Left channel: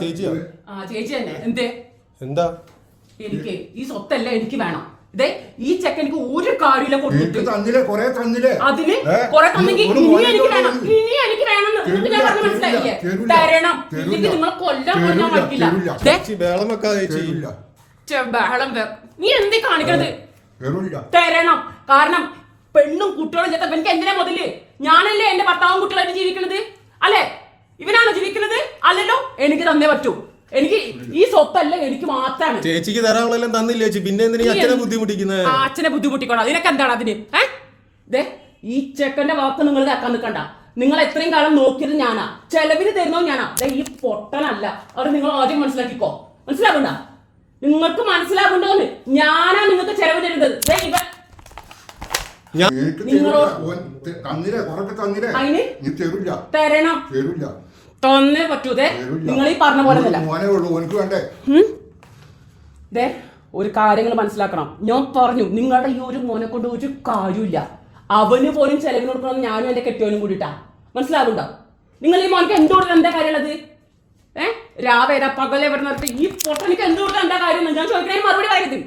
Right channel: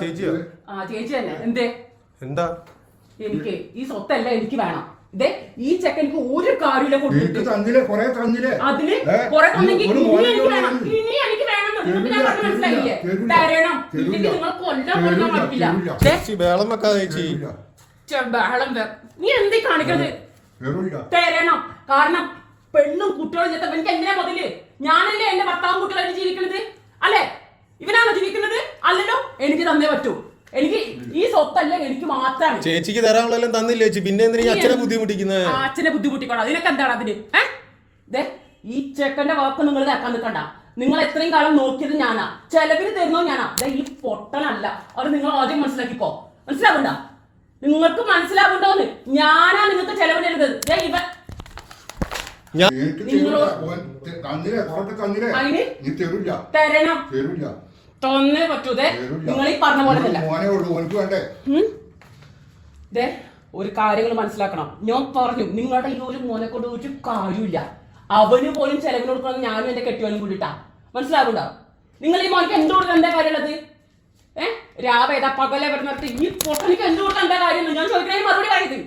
ചേച്ചി തന്നെ എന്തേ എന്താ എനിക്ക് ഈ സ്വത്തല്ല എനിക്ക് വേണം. ഇതേ ഈ ചെക്കനിക്ക് ഒരു കാര്യമില്ല കൊടുത്തിട്ട് അതിന് കുറെ തന്നെങ്കിൽ ഇനി എനിക്ക് വേണം, ഇനി എനിക്ക് വേണം. ഞാൻ പറഞ്ഞ മനസ്സിലായില്ലേ? തരണം, ഇല്ലെങ്കിൽ നിങ്ങൾ കൊല്ലാൻ കൊല്ലാൻ പറ്റില്ല. ബഹളം നീ എന്തേ കാണിക്കണത്? തരണം. കാരണം പെണ്ണും കുട്ടികളും ചേർത്ത എനിക്ക് എന്തിനാ മുതല്? ഞാനല്ലേ എന്റെ ഭർത്താവും കുട്ടികളായിട്ട് ജീവിക്കുന്നത്? അല്ലെ ഇവനാണോ ജീവിക്കുന്നത്? അല്ലല്ലോ. എനിക്ക് തന്നേ പറ്റൂ. എനിക്ക് ഈ സ്വത്തല്ല എനിക്ക് മാത്രമാണ്. ചേച്ചിക്ക് തരാളെല്ലാം തന്നില്ലേ ചേച്ചി, പിന്നെ അച്ഛനെ ബുദ്ധിമുട്ടിക്കുന്നത്? അച്ഛനെ ബുദ്ധിമുട്ടിക്കോളാം. അതിനൊക്കെ എന്താണ് അതിന്? ഈ ചെക്കന്റെ വാക്ക് നിങ്ങൾ കേൾക്കാൻ നിൽക്കണ്ട. നിങ്ങൾ എത്രയും കാലം നോക്കിയത് ഞാനാ, ചെലവിന് തരുന്നോ ഞാനാ. ഈ പൊട്ടനല്ല. അത് നിങ്ങൾ ആദ്യം മനസ്സിലാക്കിക്കോ. മനസ്സിലാവണ്ട? നിങ്ങൾക്ക് മനസ്സിലാവുണ്ടോന്ന്? ഞാനാ നിങ്ങൾക്ക് ചെലവ് തരുന്നത്. തരണം, തന്നേ പറ്റൂതേ. നിങ്ങൾ ഈ പറഞ്ഞ പോലെ ഒരു കാര്യങ്ങൾ മനസ്സിലാക്കണം. ഞാൻ പറഞ്ഞു നിങ്ങളുടെ ഈ ഒരു മോനെ കൊണ്ട് ഒരു കാര്യമില്ല. അവന് പോലും ചെലവിന് കൊടുക്കണം. ഞാനും എന്റെ കെട്ടിയോനും കൂടിട്ടാ. മനസ്സിലാവുണ്ടോ? നിങ്ങൾ ഈ മോനക്ക് എന്തുകൊടുക്കാൻ എന്താ കാര്യമുള്ളത്? രാവേദ പകലെ പറഞ്ഞിട്ട് ഈ പൊട്ടനിക്ക് എന്തുകൊടുക്കാൻ എന്താ കാര്യം? ഞാൻ ചോദിക്കുന്നതിന് മറുപടി കാര്യത്.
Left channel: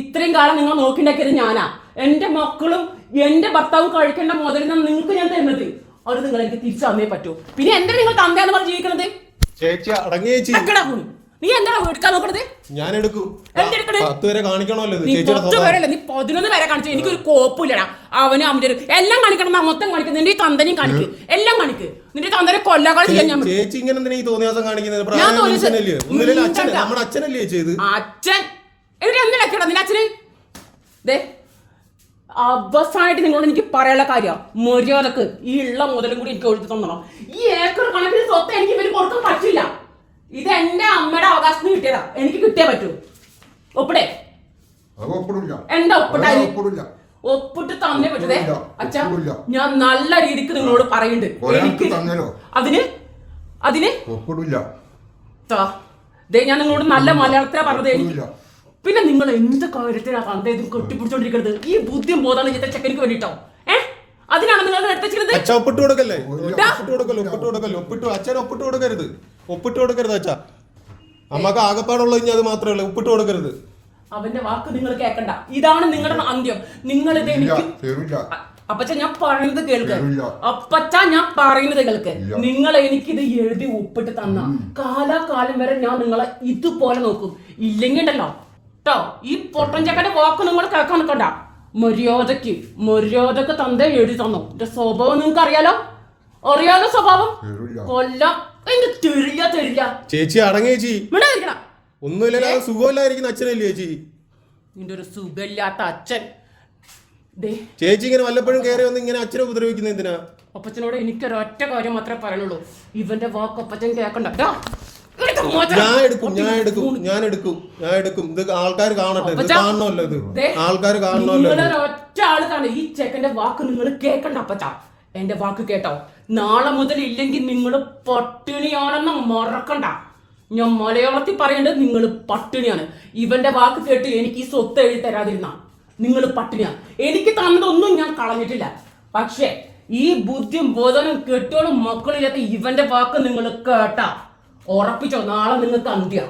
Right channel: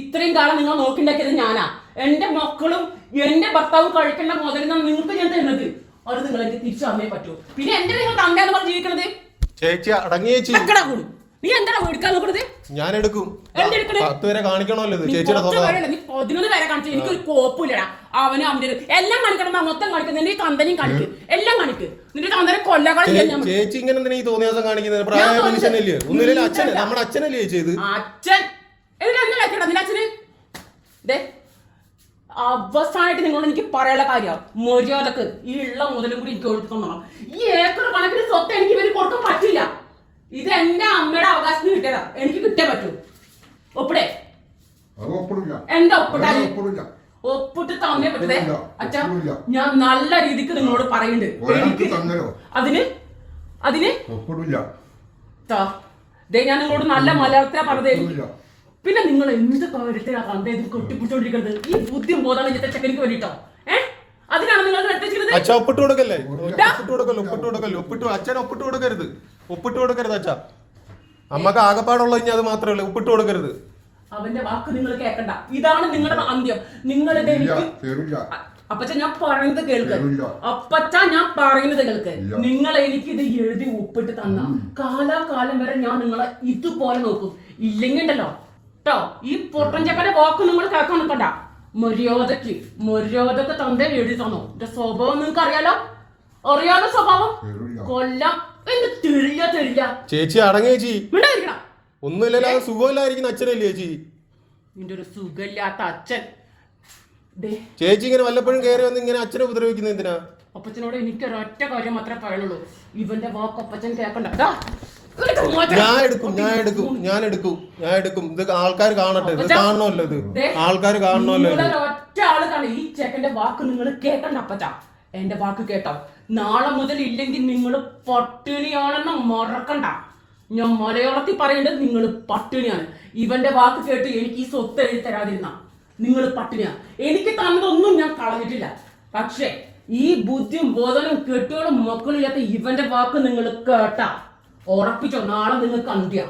ഇത്രയും കാലം നിങ്ങൾ നോക്കിണ്ടാക്കിയത് ഞാനാ. എന്റെ മക്കളും എന്റെ ഭർത്താവും കഴിക്കേണ്ട മുതലിനാണ് നിങ്ങൾക്ക് ഞാൻ തരുന്നത്. അത് നിങ്ങൾ എനിക്ക് തിരിച്ചു തന്നേ പറ്റൂ. പിന്നെ എന്താ നിങ്ങൾ തന്നെയാന്ന് പറഞ്ഞ് ജീവിക്കണത്? നീ എന്താ എടുക്കാൻ നോക്കണത്? ഞാൻ എടുക്കും. നീ 10 വരെ കാണിച്ചു. എനിക്കൊരു കോപ്പില്ലടാ. അവനും അവന്റെ എല്ലാം കാണിക്കണം. മൊത്തം കാണിക്കും. നിന്റെ തന്തനെയും കാണിക്കും. എല്ലാം കാണിക്കും. നിന്റെ തന്തനെ കൊല്ലകളെ ചെയ്യാൻ ചേച്ചി ഇങ്ങനെ തോന്നിയ കാണിക്കുന്നത്? അച്ഛൻ എനിക്ക് എന്തിനാ നിന്റെ അച്ഛന്? അവസാനമായിട്ട് നിങ്ങളോട് എനിക്ക് പറയാനുള്ള കാര്യം, മര്യാദക്ക് ഈ ഉള്ള മുതലും കൂടി എനിക്ക് ഒഴുക്കി തന്നോളാം. ഈ ഏക്കർ കണക്കിന് സ്വത്ത് എനിക്ക് ഇവര് കൊടുക്കാൻ പറ്റില്ല. ഇത് എന്റെ അമ്മയുടെ അവകാശത്തിന് കിട്ടിയതാ. എനിക്ക് കിട്ടിയേ പറ്റൂ. ഒപ്പിടേ? എന്താ ഒപ്പിട്ടായി? ഒപ്പിട്ട് തന്നേ പറ്റതേ. അച്ഛാ ഞാൻ നല്ല രീതിക്ക് നിങ്ങളോട് പറയുന്നുണ്ട്. എനിക്ക് അതിന് ഞാൻ നിങ്ങളോട് നല്ല മലയാളത്തിലാ പറഞ്ഞത്. എനിക്ക് പിന്നെ നിങ്ങൾ എന്ത് കാര്യത്തിലാണ് ഇത് കെട്ടിപ്പിടിച്ചോണ്ടിരിക്കുന്നത്? ഈ ബുദ്ധിയും ബോധാണ് ചെയ്ത ചെക്കനിക്ക് വേണ്ടിട്ടോ. അതിനാണ് നിങ്ങൾ ഒപ്പിട്ട് കൊടുക്കരുത് അച്ഛാ. നമുക്ക് ആകപ്പാടുള്ള അത് മാത്രമല്ല, ഒപ്പിട്ട് കൊടുക്കരുത്. അവന്റെ വാക്ക് നിങ്ങൾ കേൾക്കണ്ട. ഇതാണ് നിങ്ങളുടെ അന്ത്യം. നിങ്ങളിത് എനിക്ക് അപ്പച്ച ഞാൻ പറയുന്നത് കേൾക്ക്. അപ്പച്ച ഞാൻ പറയുന്നത് കേൾക്ക്. നിങ്ങൾ എനിക്കിത് എഴുതി ഒപ്പിട്ട് തന്ന കാലാകാലം വരെ ഞാൻ നിങ്ങളെ ഇതുപോലെ നോക്കും. ഇല്ലെങ്കിൽ ഉണ്ടല്ലോ ഈ പൊട്ടൻ ചക്കന്റെ വാക്ക് നിങ്ങൾ കേൾക്കാൻ നിൽക്കണ്ട. മര്യാദക്ക് തന്ത എഴുതി തന്നു. എന്റെ സ്വഭാവം നിങ്ങൾക്ക് അറിയാലോ സ്വഭാവം. കൊല്ലം തരില്ല. ചേച്ചി അടങ്ങേ ചേച്ചി. ഒന്നുമില്ല, സുഖമില്ലായിരിക്കുന്ന അച്ഛനല്ലേ ചേച്ചി? നിന്റെ ഒരു സുഖമില്ലാത്ത അച്ഛൻ. ചേച്ചി ഇങ്ങനെ വല്ലപ്പോഴും കയറി വന്ന് ഇങ്ങനെ അച്ഛനെ ഉപദ്രവിക്കുന്നത് എന്തിനാ? അപ്പച്ചനോട് എനിക്കൊരൊറ്റ കാര്യം മാത്രമേ പറയാനുള്ളൂ. ഇവന്റെ വാക്ക് അപ്പച്ചൻ കേൾക്കണ്ട. ഞാൻ എടുക്കും. ഇത് ആൾക്കാർ കാണട്ടെ. ഇത് കാണണമല്ലോ. ഇത് ആൾക്കാർ കാണണമല്ലോ. ഒറ്റ ആള് കാണും. ഈ ചെക്കന്റെ വാക്ക് നിങ്ങൾ കേൾക്കണ്ട അപ്പച്ച. എന്റെ വാക്ക് കേട്ടോ. നാളെ മുതൽ ഇല്ലെങ്കിൽ നിങ്ങൾ പട്ടിണിയാണെന്ന് മറക്കണ്ട. ഞാൻ മലയാളത്തിൽ പറയേണ്ടത് നിങ്ങൾ പട്ടിണിയാണ്. ഇവന്റെ വാക്ക് കേട്ട് എനിക്ക് ഈ സ്വത്ത് എഴുതി തരാതിരുന്ന നിങ്ങൾ പട്ടിണിയാ. എനിക്ക് തന്നതൊന്നും ഞാൻ കളഞ്ഞിട്ടില്ല. പക്ഷേ ഈ ബുദ്ധിയും ബോധനും കെട്ടോളും മക്കളില്ലാത്ത ഇവന്റെ വാക്ക് നിങ്ങൾ കേട്ടാ ഉറപ്പിച്ചോ, നാളെ നിങ്ങൾക്ക് അന്ത്യ.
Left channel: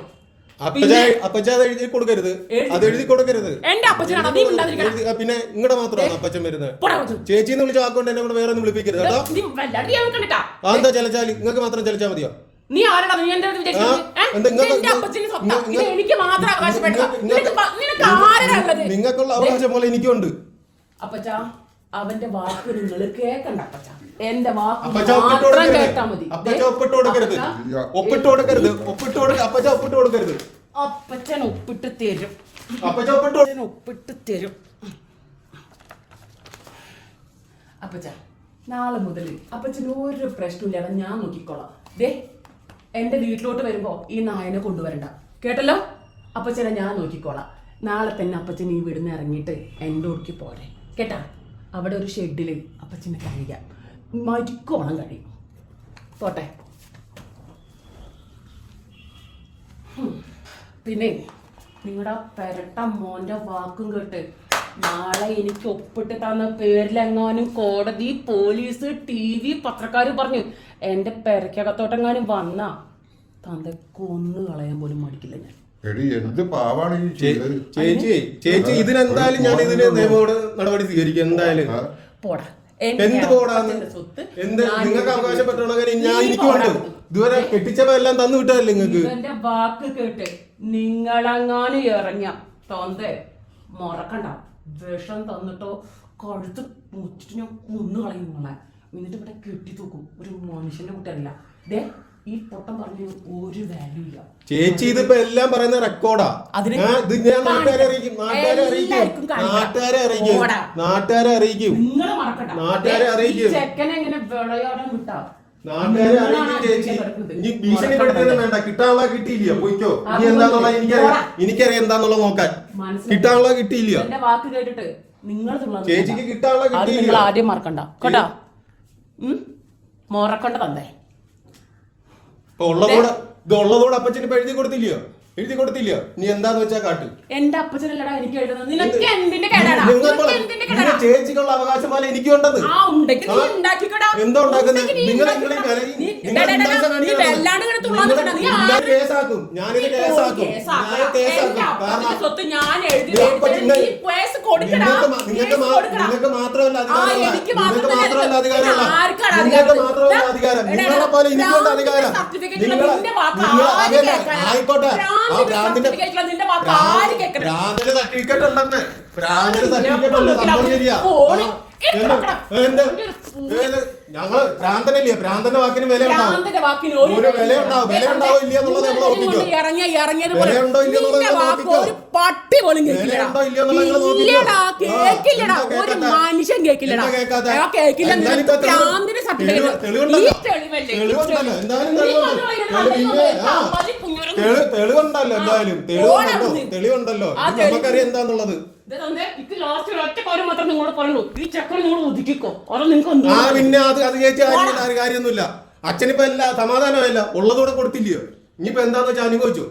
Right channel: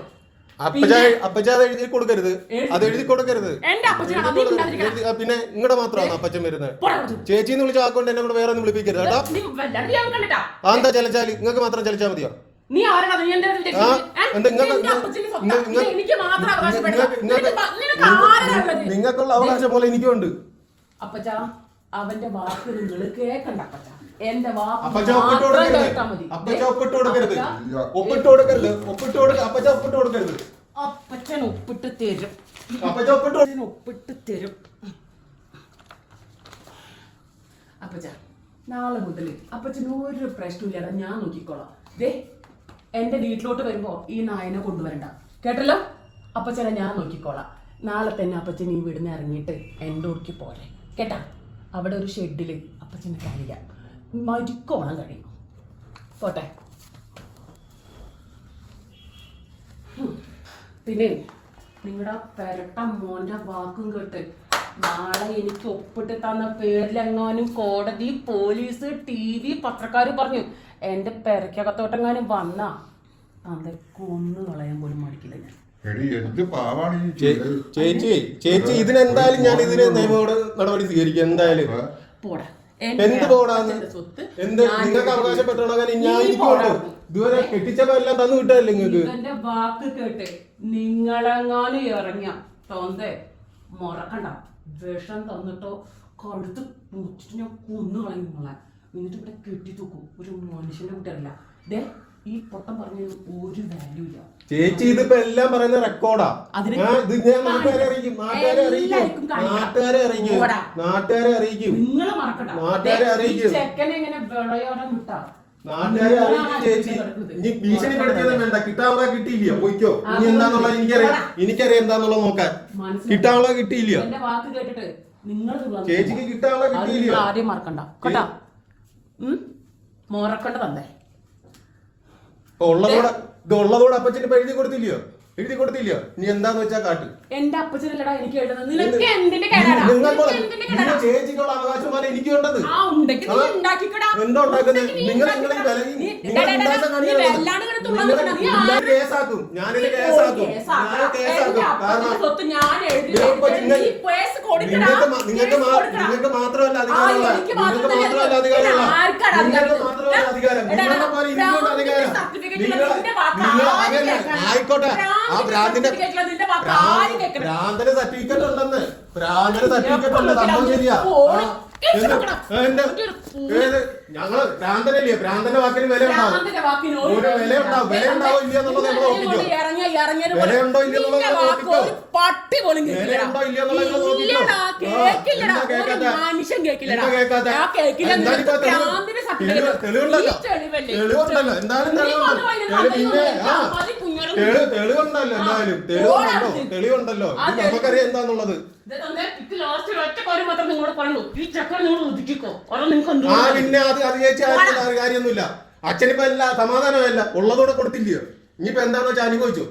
എഴുതി കൊടുക്കരുത്. അത് എഴുതി കൊടുക്കരുത്. എന്റെ അപ്പച്ചനാണ്. പിന്നെ ഇങ്ങടെ മാത്രമാണ് അപ്പച്ചൻ വരുന്നത്. ചേച്ചിന്ന് വിളിച്ച ആക്കൊണ്ട് എന്നെ വേറെ ഒന്നും വിളിപ്പിക്കരുത് കേട്ടോ. എന്താ ചലച്ചാല് നിങ്ങൾക്ക് മാത്രം ചലിച്ചാൽ മതിയോ? നിങ്ങൾക്കുള്ള അവകാശം പോലെ എനിക്കുണ്ട്. അപ്പച്ചാ അവന്റെ വാക്ക് നിങ്ങൾ കേൾക്കണ്ട അപ്പച്ചാ. എന്റെ വാക്ക് ഒപ്പിട്ട് കൊടുക്കരുത്. അപ്പച്ചൻ ഒപ്പിട്ട് തരും. അപ്പച്ച നാളെ മുതൽ അപ്പച്ചന് ഒരു പ്രശ്നമില്ലാതെ ഞാൻ നോക്കിക്കോളാം. എന്റെ വീട്ടിലോട്ട് വരുമ്പോ ഈ നായനെ കൊണ്ടുവരണ്ട കേട്ടല്ലോ. അപ്പച്ചനെ ഞാൻ നോക്കിക്കോളാം. നാളെ തന്നെ അപ്പച്ചൻ ഈ വീടിന്ന് ഇറങ്ങിയിട്ട് എന്റെ ഉടുക്കി പോലെ കേട്ടാ. അവിടെ ഒരു ഷെഡില് അപ്പച്ചന് കഴിയാം. മരിക്കോണം കഴിയും. പോട്ടെ. പിന്നെ നിങ്ങളുടെ പെരട്ട മോന്റെ വാക്കും കേട്ട് നാളെ എനിക്ക് ഒപ്പിട്ട് തന്ന പേരിലെങ്ങാനും കോടതി, പോലീസ്, TV, പത്രക്കാര് പറഞ്ഞു എന്റെ പെരക്കകത്തോട്ടെങ്ങാനും വന്നാ തന്റെ കൊന്നു കളയാൻ പോലും മടിക്കില്ല ഞാൻ. എന്ത് പാവാണ് ഈ ചേച്ചി ഇതിനെന്തായാലും ഞാൻ ഇതിന് നിയമോട് നടപടി സ്വീകരിക്കും എന്തായാലും. പോടാ. എന്ത് പോടാന്ന്? എന്ത് നിങ്ങൾക്ക് അവകാശപ്പെട്ടോളാം ഞാൻ എനിക്കുണ്ട്. ഇതുവരെ കെട്ടിച്ചവരെല്ലാം തന്നു വിട്ടതല്ലേ നിങ്ങൾക്ക്? എന്റെ വാക്ക് കേട്ട് നിങ്ങളെങ്ങാനും ഇറങ്ങ തൊന്തേ മറക്കണ്ട. വിഷം തന്നിട്ടോ കഴുത്ത് മുറ്റിട്ട് ഞാൻ കൊന്നു കളയും നിങ്ങളെ. എന്നിട്ട് ഇവിടെ കെട്ടി തൂക്കും. ഒരു മനുഷ്യന്റെ കൂട്ടല്ല. ദേ ഈ പൊട്ടം പറഞ്ഞ ഒരു വാല്യൂ ഇല്ല. ചേച്ചി ഇതിപ്പോ എല്ലാം പറയുന്ന റെക്കോർഡാ. ഇത് ഞാൻ നാട്ടുകാരെ അറിയിക്കും. നിങ്ങൾ മറക്കണ്ട. നാട്ടുകാരെ അറിയിക്കും. ചെക്കനെ എങ്ങനെ വിളയാടാൻ വിട്ടാ നാട്ടുകാരെ അറിയിക്കും ചേച്ചി. ഇനി ഭീഷണിപ്പെടുത്തിയത് വേണ്ട. കിട്ടാനുള്ള കിട്ടിയില്ല പോയിക്കോ. ഇനി എന്താന്നുള്ള എനിക്കറിയാം എന്താന്നുള്ളത് നോക്കാൻ. കിട്ടാനുള്ള കിട്ടിയില്ല. എന്റെ വാക്ക് കേട്ടിട്ട് നിങ്ങൾ ചേച്ചിക്ക് കിട്ടാനുള്ള കിട്ടിയില്ല. ആദ്യം മറക്കണ്ട കേട്ടാ. മറക്കണ്ട തന്നെ. ഉള്ളതോടെ അപ്പച്ചന് എഴുതി കൊടുത്തില്ലയോ? എഴുതി കൊടുത്തില്ല. നീ എന്താന്ന് വെച്ചാ കാട്ട്. എന്റെ അപ്പച്ചനല്ലടാ എനിക്ക് എഴുതുന്നത്. നിനക്ക് എന്തിന്റെ കേടാടാ? ചേച്ചിക്കുള്ള അവകാശം പോലെ എനിക്കുണ്ടത്. എന്തോ കേസാക്കും. ഞാനിത് കേസാക്കും. നിങ്ങൾക്ക് മാത്രമല്ല അധികാരമുള്ള അധികാരം. നിങ്ങളെ പോലെ എനിക്കുണ്ട് അധികാരം. ആയിക്കോട്ടെ. ഭ്രാന്തിന്റെ സർട്ടിഫിക്കറ്റ് ഉണ്ടെന്ന്. ഭ്രാന്തിന്റെ സർട്ടിഫിക്കറ്റ് ഉണ്ട്. സംഭവം ശരിയാ. ഞങ്ങൾ ഭ്രാന്തനല്ലേ? ഭ്രാന്തന്റെ വാക്കിന് വില ഉണ്ടാവും. വില ഉണ്ടാവും. വില ഉണ്ടാവും ഇല്ല എന്നുള്ളത് നമ്മൾ നോക്കിക്കോ. വില ഉണ്ടോ ഇല്ല എന്നുള്ളത് നോക്കിക്കോ. വില ഉണ്ടോ ഇല്ല എന്നുള്ളത് തെളിവുണ്ടല്ലോ. തെളിവുണ്ടല്ലോ. എന്തായാലും തെളിവുണ്ടല്ലോ. എന്തായാലും തെളിവുണ്ടല്ലോ. നമുക്കറിയാം എന്താന്നുള്ളത്. പിന്നെ അത് ചേച്ചി കാര്യമൊന്നുമില്ല. അച്ഛനിപ്പോ അല്ല സമാധാനമല്ല. ഉള്ളതൂടെ കൊടുത്തില്ലയോ? ഇനിയിപ്പോ എന്താന്ന് വെച്ചാൽ അനുഭവിച്ചോ.